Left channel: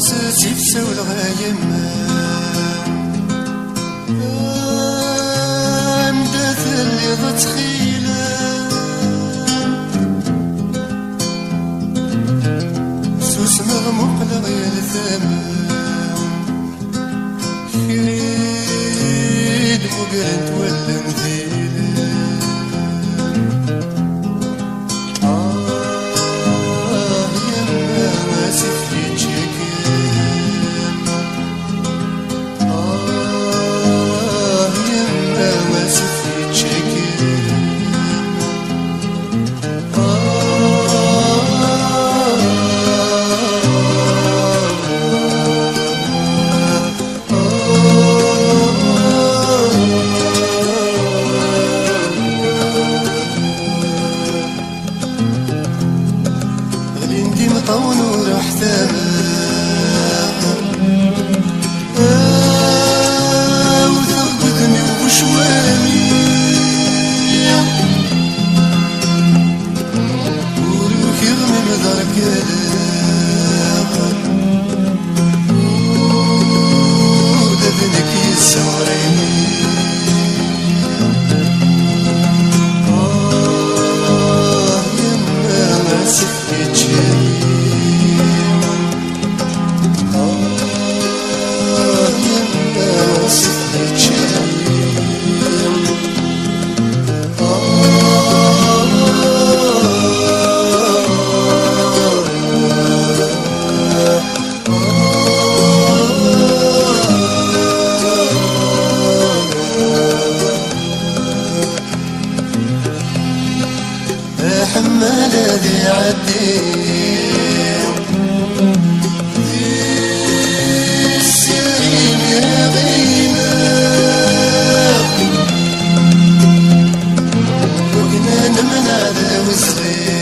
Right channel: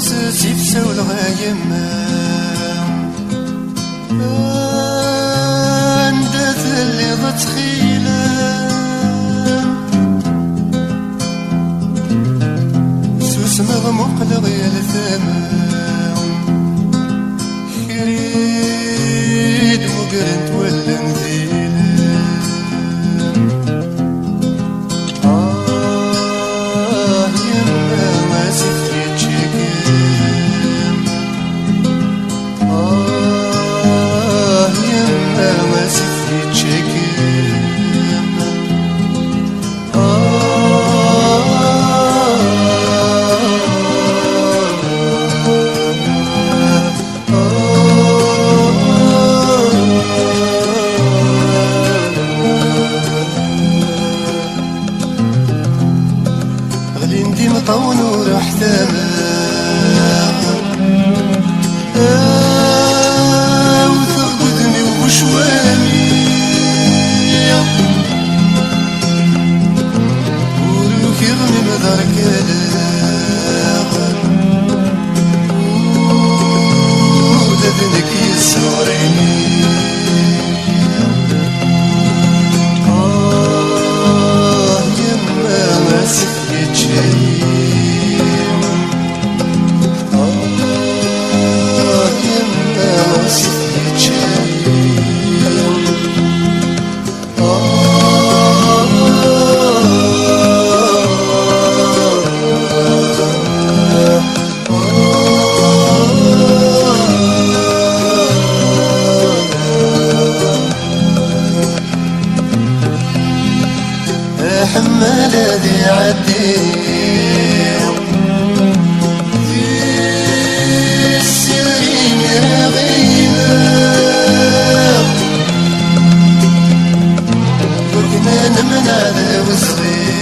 غصص يتساو الغايم ندف اللي بتخيلم سوس مغمق لغير ثمام شريد مقرنت ولا مزيلم يما ما سفيت شكام يما ما سفيت شكام غادي ندي مطون وراح وتغبدني وبشواني وروك يغني مدار كلام ودادنك يسوريني يما ما سكت شيء حمال ذي عدين في السرين يا غينا وكنا نمنا ذا وسرين